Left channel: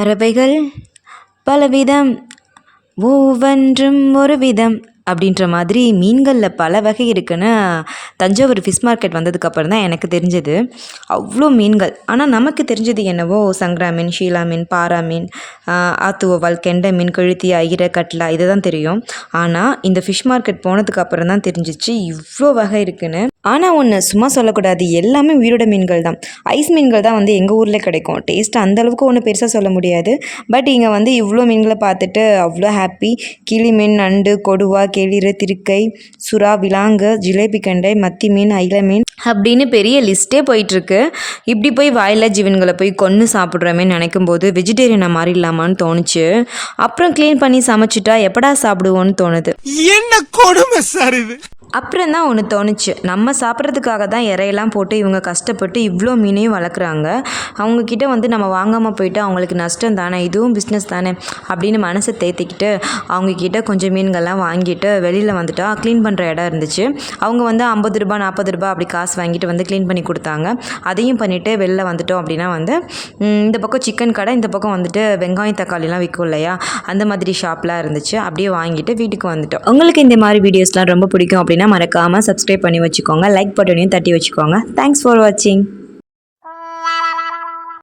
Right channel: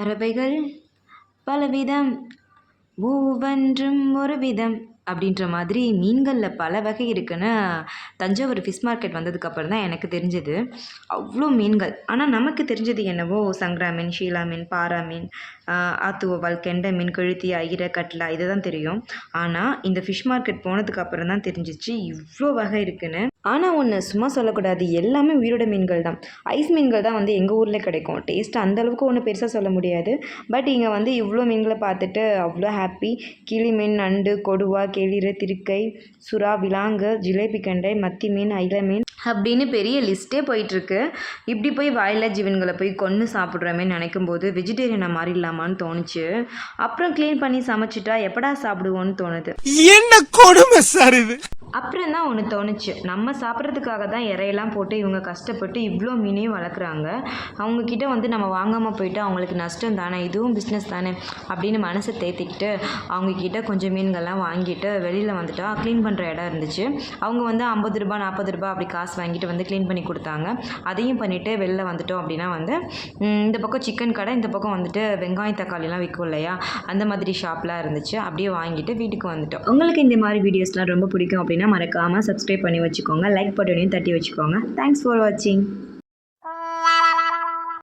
பறவைகள் பலவிதம் ஒவ்வொன்றும் ஒரு விதம் அப்படின்ற மாதிரி மீன்களில் பல வகை இருக்குன்னு தஞ்சாவூர் ஃபிஷ் மார்க்கெட் வந்ததுக்கப்புறம் தான் எனக்கு தெரிஞ்சது. அவ்வளோ மீன்கள். ஆனால் நமக்கு தெரிஞ்சது என்னவோ சங்கரா மீன் ஷீலா மீன் பாரா மீன் ஆத்துவவால் கெண்டை மீன் கழுத்தி ஐர கட்லா இதை தான் தெரியும். ஆனால் இந்த ஃபிஷ் மார்க்கெட் போனதுக்கப்புறம் தான் தெரிஞ்சிச்சு இவ்வளோ வகை இருக்குன்னு. ஆனால் ஒன்று சும்மா சொல்லக்கூடாது எல்லாமே உயிரோட மீன்கள் தான். ஐஸ் மீன்கள் தான் வந்து எங்கள் ஊரில் கிடைக்கும். டேஸ்ட் அந்தளவுக்கு ஒன்றும் பெருசாக சொல்ல முடியாது. பட் இங்கே வந்து இவ்வளோ மீன்களை பார்த்துட்டு அவ்வளோ ஹாப்பி கிளி மீன் நண்டு கொடுவா கெளிறு திருக்கை சுறா விலாங்கு ஜிலேபி கண்டை மத்தி மீன் ஐல மீன் அப்படின்னு பெரிய லிஸ்ட்டே போயிட்டுருக்கு. இப்படி போய் வாயில்லா ஜீவன்களை போய் கொன்று சாப்பிட்றமே நினைக்கும் போது வெஜிடேரியனை மாதிரி இல்லாமான்னு தோணுச்சு. அப்புறம் க்ளீன் பண்ணி சமைச்சிட்டா எப்படா சாப்பிடுவோன்னு தோணுது. என்ன கொடுமை சார் இது? அப்புறம் தான் ஒன்று தோணுச்சு. நம்ம சாப்பிட்றதுக்காக தான் இறையெல்லாம் போட்டு இவங்க கஷ்டப்பட்டு இவ்வளோ மீனையும் வளர்க்குறாங்க. அவங்கக்கிட்ட வந்து நம்ம வாங்காமல் போயிட்டு அவங்களுக்கு நஷ்டம் தானே? இதுவும் பிஸ்னஸ் தானே? அப்படின்னு மனசை தேத்திக்கிட்டு அவங்கக்கிட்ட கொஞ்சம் மீன்கள்லாம் வாங்கிட்டு வெளியில் வந்துட்டா க்ளீன் பண்ணுற இடம் இருந்துச்சு. அவங்க வந்து ஐம்பது ரூபா நாற்பது ரூபா அப்படி காசு வாங்கிட்டு வந்து க்ளீன் பண்ணி கொடுத்தாங்க. அதையும் பண்ணிவிட்டு வெளில வந்துட்டோம் அப்படின்னா வந்து இந்த பக்கம் சிக்கன் கடை இந்த பக்கம் வந்துட்டு வெங்காயம் தக்காளிலாம் விற்கும் இல்லையா? அந்த மாதிரி ஷாப்லாம் இருந்துச்சு. அப்படியே வாங்கிட்டு வீட்டுக்கு வந்துட்டோம். உங்களுக்கு இந்த மாதிரி வீடியோஸ்லாம் ரொம்ப பிடிக்கும் அப்படின்னு அப்படின்னா மறக்காமல் சப்ஸ்கிரைப் பண்ணி வச்சுக்கோங்க லைக் பட்டனையும் தட்டி வச்சுக்கோங்க. தேங்க்ஸ் ஃபார் வாட்சிங்